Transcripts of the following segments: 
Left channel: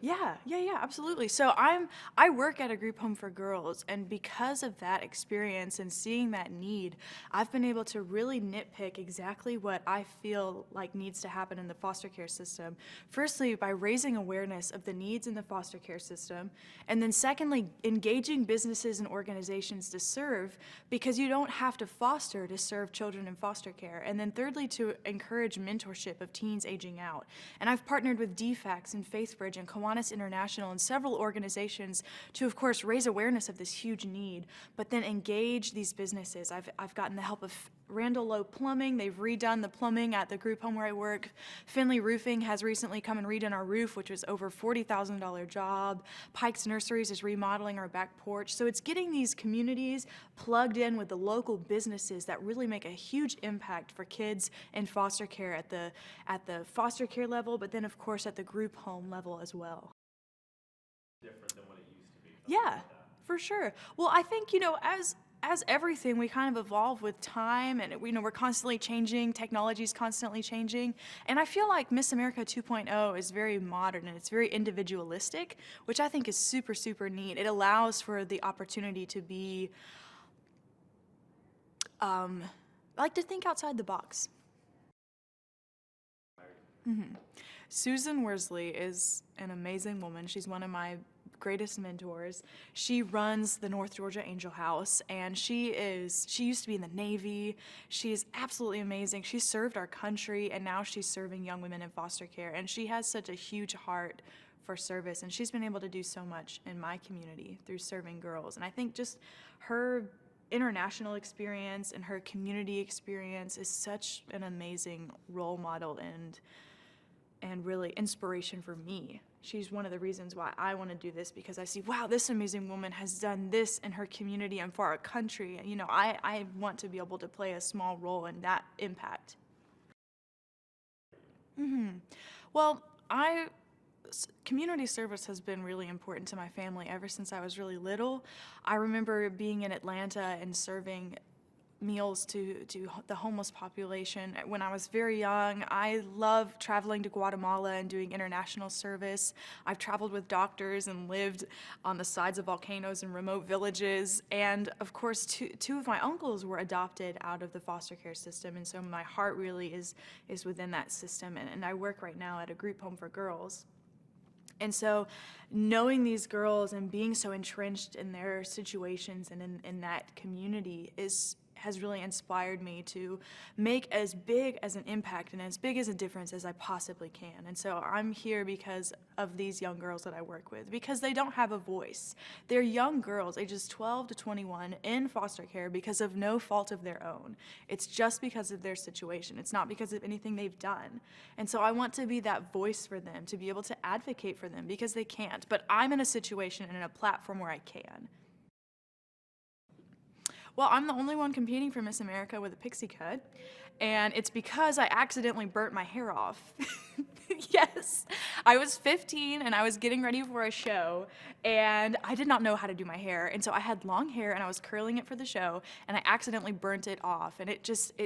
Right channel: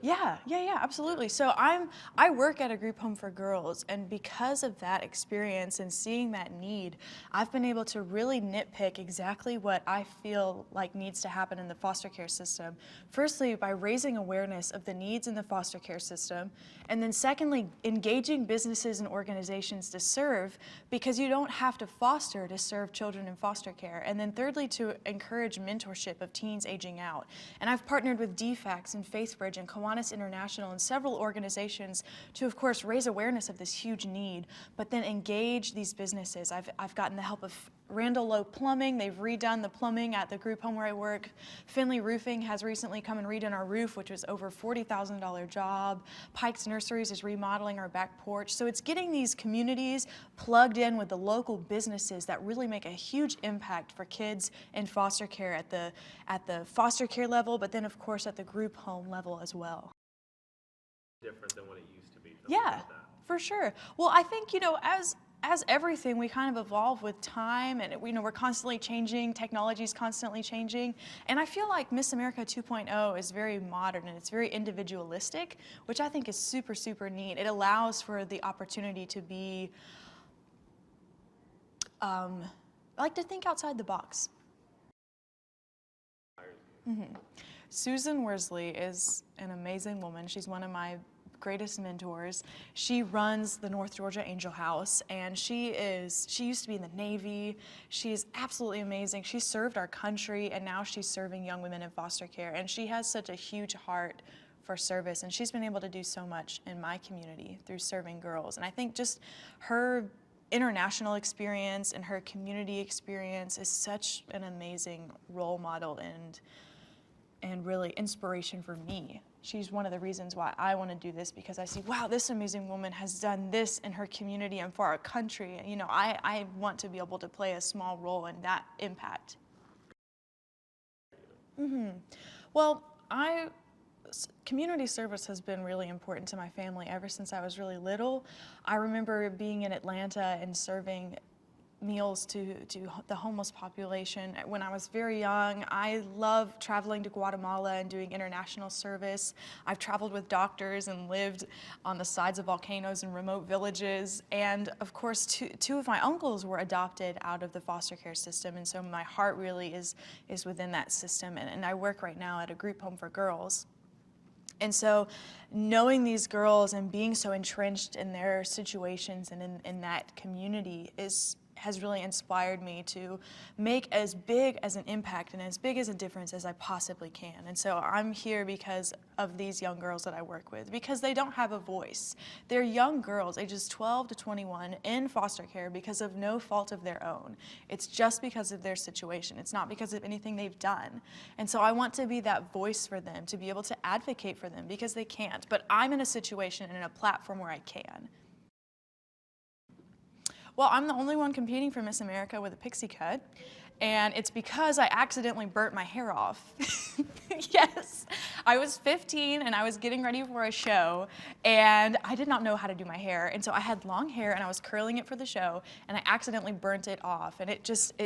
Yeah, absolutely. So I work at a group home for girls, and because of that experience and seeing that need, I've been able to really nitpick exactly what I feel like needs to happen in the foster care system. Firstly, by raising awareness of the needs in the foster care system, and then secondly, engaging businesses and organizations to serve, because you don't have to foster to serve children in foster care. And then thirdly, to encourage mentorship of teens aging out. And I've partnered with DFACS and FaithBridge and Kiwanis International and several organizations to, of course, raise awareness of this huge need, but then engage these businesses. I've gotten the help of Randall Lowe Plumbing. They've redone the plumbing at the group home where I work. Finley Roofing has recently come and redone our roof, which was over $40,000 job. Pike's Nurseries is remodeling our back porch. So it's getting these communities plugged in with the local businesses that really make a huge impact for kids in foster care at the foster care level, but then of course at the group home level as well. Different than what it used to be. Yeah, for sure. Well, I think, as everything, we kind of evolve with time, and we're constantly changing, technology's constantly changing, and I feel like Miss America 2.0 is very modern and it's very individualistic, which I think is super, super neat. It allows for the opportunity to be, like to think outside the box. Susan Worsley is an amazing woman. She's one of my greatest mentors. She runs the North Georgia Angel House, and she used to be in the Navy. She's absolutely amazing. She served our country, and now she's serving young women in foster care, and she has such a huge heart for service, and she's been able to do so much in my community through serving girls. And I think just her international experience and her community experience is such an amazing role model and really inspiration for me. She's one of the reasons why I want to do this, because I see, wow, this amazing woman has done this in her community and for our country. And, I want to be able to play a small role in that impact. Well, community service has been really important to my family ever since I was really little. I remember being in Atlanta and serving meals to the homeless population when I was very young. I love traveling to Guatemala and doing international service. I've traveled with doctors and lived on the sides of volcanoes in remote villages. And of course, two of my uncles were adopted out of the foster care system, and so my heart really is within that system. And I work right now at a group home for girls. And so knowing these girls and being so entrenched in their situations and in that community has really inspired me to make as big as an impact and as big as a difference as I possibly can. And so I'm here because of these young girls that I work with, because they don't have a voice. They're young girls, ages 12 to 21, in foster care because of no fault of their own. It's just because of their situation. It's not because of anything they've done. And so I want to be that voice for them, to be able to advocate for them, because they can't. But I'm in a situation and in a platform where I can. Well, I'm the only one competing for Miss America with a pixie cut, and it's because I accidentally burnt my hair off. Yes, I was 15 and I was getting ready for a show, and I did not know how to do my hair, and so I had long hair and I was curling it for the show, and I accidentally burnt it off, and it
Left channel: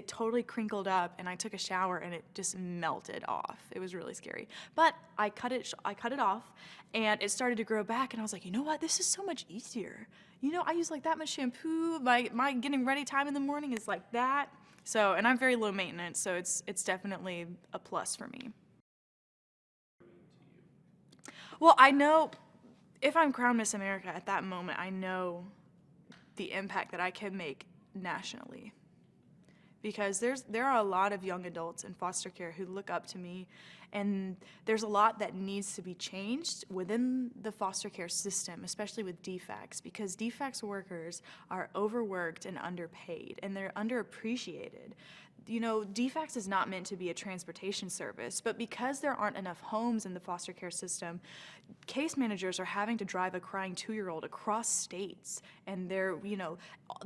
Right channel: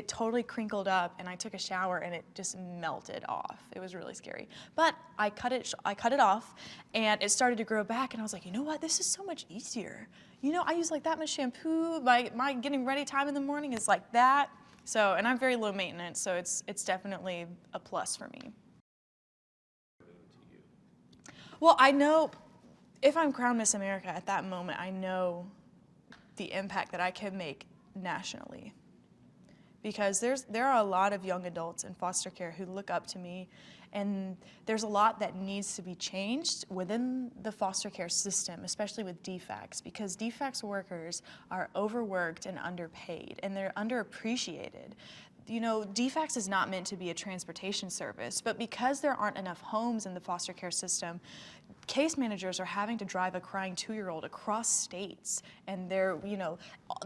totally crinkled up, and I took a shower and it just melted off. It was really scary, but I cut it off, and it started to grow back, and I was like, you know what, this is so much easier. I use like that much shampoo. My getting ready time in the morning is like that. So, and I'm very low maintenance, so it's definitely a plus for me. Well, I know if I'm crowned Miss America at that moment, I know the impact that I can make nationally. Because there are a lot of young adults in foster care who look up to me, and there's a lot that needs to be changed within the foster care system, especially with DFACS, because DFACS workers are overworked and underpaid, and they're underappreciated. DFACS is not meant to be a transportation service, but because there aren't enough homes in the foster care system, case managers are having to drive a crying 2-year-old across states, and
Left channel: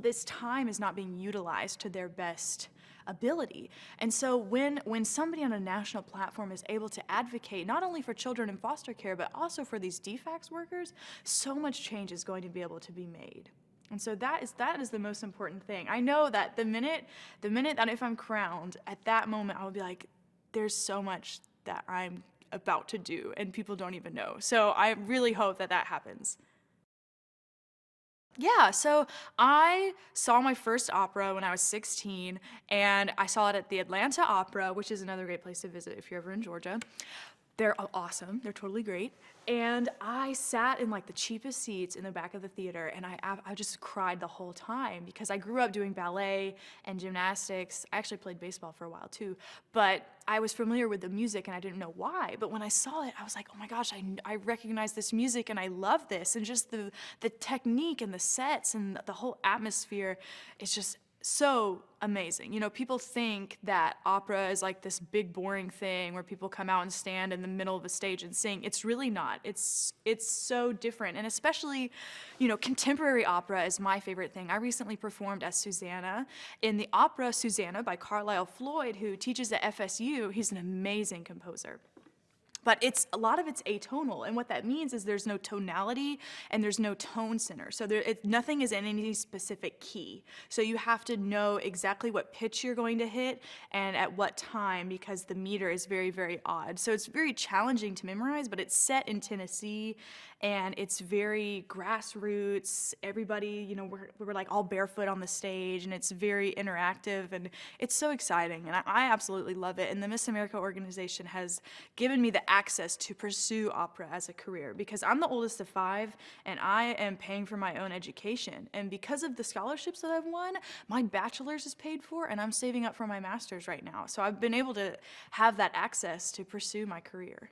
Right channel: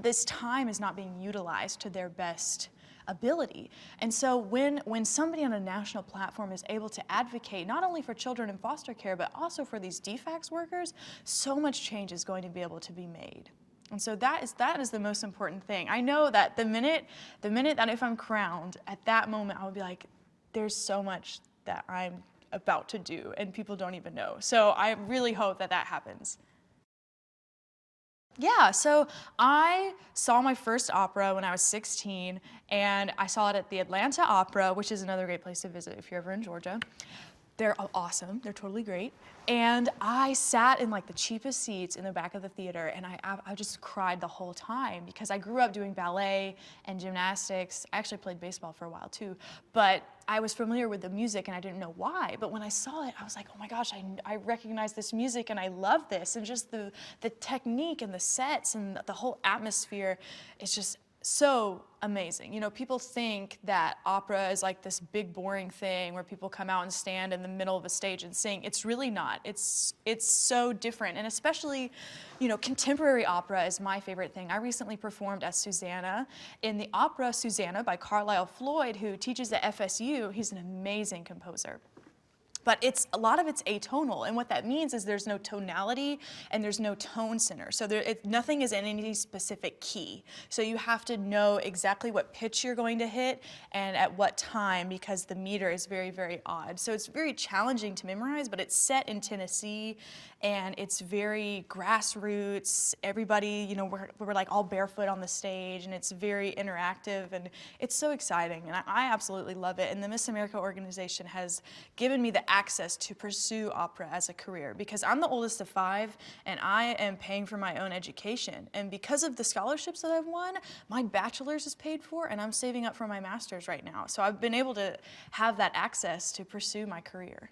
this time is not being utilized to their best ability. And so when somebody on a national platform is able to advocate not only for children in foster care, but also for these DFACS workers, so much change is going to be able to be made. And so that is the most important thing. I know that the minute that if I'm crowned, at that moment I will be like, there's so much that I'm about to do and people don't even know. So I really hope that that happens. Yeah, so I saw my first opera when I was 16, and I saw it at the Atlanta Opera, which is another great place to visit if you're ever in Georgia. They're awesome. They're totally great. And I sat in like the cheapest seats in the back of the theater, and I just cried the whole time because I grew up doing ballet and gymnastics. I actually played baseball for a while too, but I was familiar with the music and I didn't know why. But when I saw it, I was like, oh my gosh, I recognize this music and I love this. And just the technique and the sets and the whole atmosphere is just so amazing. You know, people think that opera is like this big boring thing where people come out and stand in the middle of a stage and sing. It's really not. It's so different. And especially, you know, contemporary opera is my favorite thing. I recently performed as Susanna in the opera Susanna by Carlisle Floyd, who teaches at FSU. He's an amazing composer. But a lot of it's atonal, and what that means is there's no tonality and there's no tone center. So nothing is in any specific key. So you have to know exactly what pitch you're going to hit and at what time, because the meter is very, very odd. So it's very challenging to memorize, but it's set in Tennessee, and it's very grassroots. Everybody, you know, we're like all barefoot on the stage, and it's very interactive, and it's so exciting, and I absolutely love it. And the Miss America organization has given me the access to pursue opera as a career, because I'm the oldest of 5 and I am paying for my own education. And because of the scholarships that I've won, my bachelor's is paid for and I'm saving up for my master's right now. So I've been able to have that access to pursue my career.